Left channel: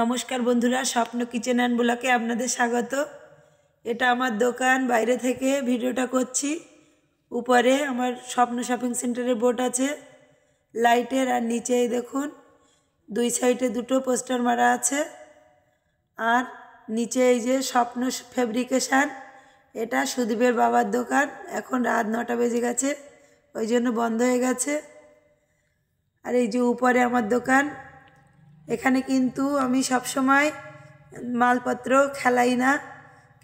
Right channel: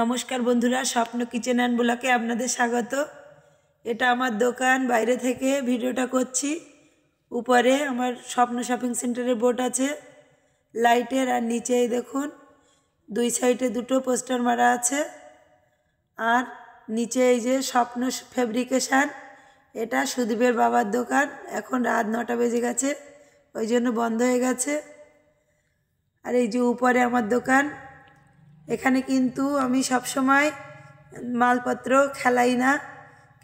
নমস্কার বন্ধুরা, স্বপ্ন কিচেন অ্যান্ড ব্লগে আপনাদের স্বাগত। এটা আমার দোকান, বাইরে থেকে ভিডিওটা করছি। উপরে আমার স্বপ্ন শপিং সেন্টারের বোর্ড আছে লাইটের, আর নিচেই দেখুন দুই সাইডে দুটো পোস্টার মারা আছে। আর নিচে এই যে স্বপ্ন ফেব্রিকেশান, এটা সুদীপের বাবার দোকান। এখন রাত 9টা বেজে গেছে, ওই জন্য বন্ধ হয়ে গেছে। আর এই যে উপরে আমার দোকান, এখানে কিন্তু আমি সবসময় মালপত্র খেলাই না,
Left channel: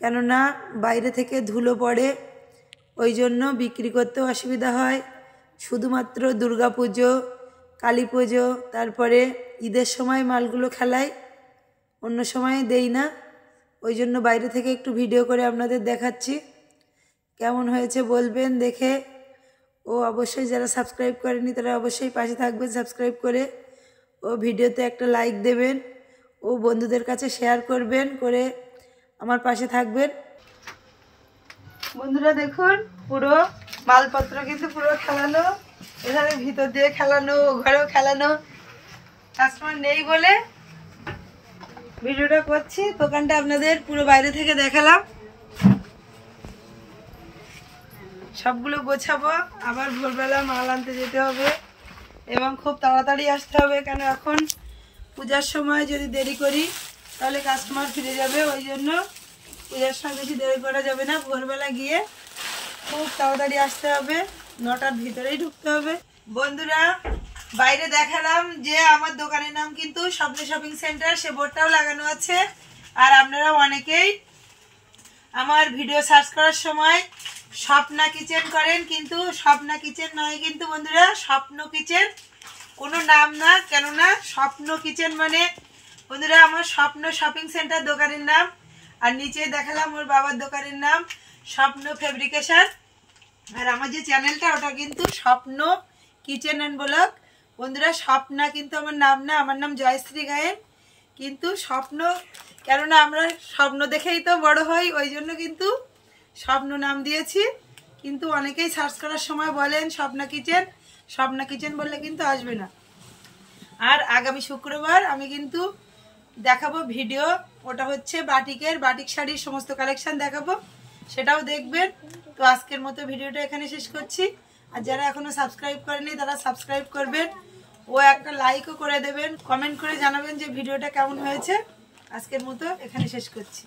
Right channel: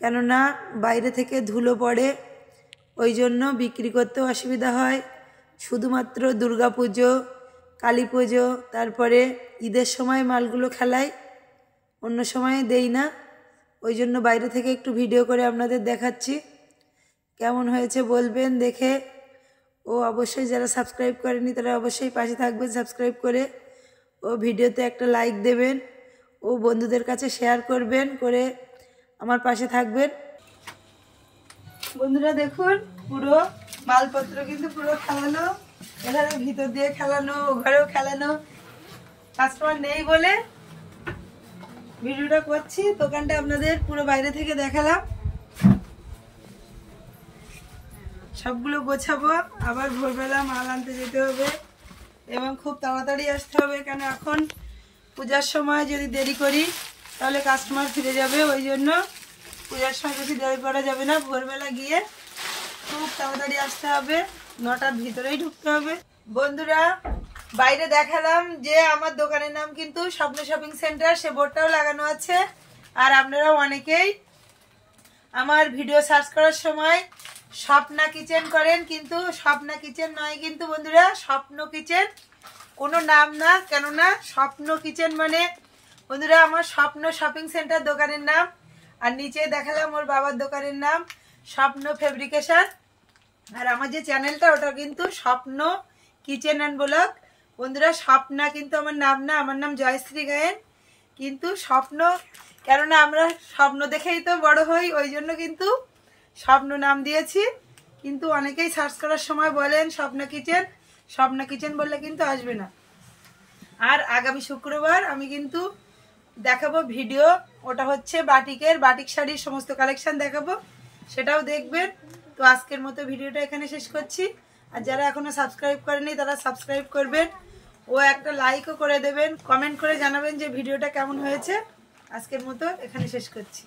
কেননা বাইরে থেকে ধুলো পড়ে, ওই জন্য বিক্রি করতেও অসুবিধা হয়। শুধুমাত্র দুর্গা পুজো, কালী পুজো, তারপরে ঈদের সময় মালগুলো খেলাই, অন্য সময় দেই না। ওই জন্য বাইরে থেকে একটু ভিডিও করে আপনাদের দেখাচ্ছি। কেমন হয়েছে বলবেন দেখে। ও অবশ্যই যারা সাবস্ক্রাইব করেনি তারা অবশ্যই পাশে থাকবেন সাবস্ক্রাইব করে। ও ভিডিওতে একটা লাইক দেবেন, ও বন্ধুদের কাছে শেয়ার করবেন, করে আমার পাশে থাকবেন। বন্ধুরা দেখুন, পুরো মালপত্র কিন্তু পুরো খেলানো, এখানে ভিতর দিয়ে খেলানো, ঘরেও খেলানো। কাস্টমার নেই বলে ভিডিওটা করছি। দোকানটা আপনাদের পুরো বাইরে থেকে দেখালাম। সবগুলো গোছাবো, আবার ভোরবেলা মাল আনতে যেতে হবে এবং খুব তাড়াতাড়ি আসতে হবে, কেন এখন পূজার সময় যদি দেরি করি তাহলে কাস্টমার ফিরে যাবে। ওই জন্য পূজার সময় বেশি দেরি করা যাবে না, ভোরবেলা গিয়ে খুব তাড়াতাড়ি আসতে হবে, 9টার ভিতরেই ঢুকতে হবে। বন্ধুরা বাইরে দেখালাম যে আমার দোকানের নাম কিন্তু স্বপ্ন শপিং সেন্টার, সে বোর্ডটাও লাগানো আছে। আর আপনারা অনেকেই আমার ভিডিও সার্চ করার সময় স্বপ্না কিচেন করেন, কিন্তু স্বপ্না কিচেন নয় কিন্তু বন্ধুরা, স্বপ্ন কিচেন কোনো নাম না, কেননা স্বপ্ন কিচেন মানে বন্ধুরা আমার স্বপ্ন শপিং সেন্টার দোকানের নাম। আর নিচে দেখালাম ওর বাবার দোকানের নাম স্বপ্ন ফেব্রিকেশন। আর আমার যে চ্যানেলটা ওটা কিন্তু স্বপ্ন কিচেন অ্যান্ড ব্লগ। বন্ধুরা স্বপ্না কিন্তু আমার নাম না, আমার নাম জয়শ্রী গায়েন। কিন্তু স্বপ্ন, কেননা আমরা স্বপ্ন দেখেই তো বড় হই, ওই জন্য কিন্তু স্বপ্ন নাম দিয়েছি। কিন্তু অনেকেই সার্চ করার সময় বলেন স্বপ্না কিচেন, স্বপ্না কিচেন বললে কিন্তু আসবে না। আর আগামী শুক্রবার আমি কিন্তু দেখাবো ভিডিও, ওটা হচ্ছে বাটিক শাড়ির সমস্ত কালেকশন দেখাবো, সেটাও দেখবেন। তো আজকের মতো ভিডিওটা এখানে শেষ করছি। আর যারা এখনো সাবস্ক্রাইব করেনি তারা সাবস্ক্রাইব করবেন, ও একটা লাইকও করে দেবেন, কমেন্ট করে জানাবেন যে ভিডিওটা কেমন হয়েছে। আজকের মতো এখানে শেষ করছি।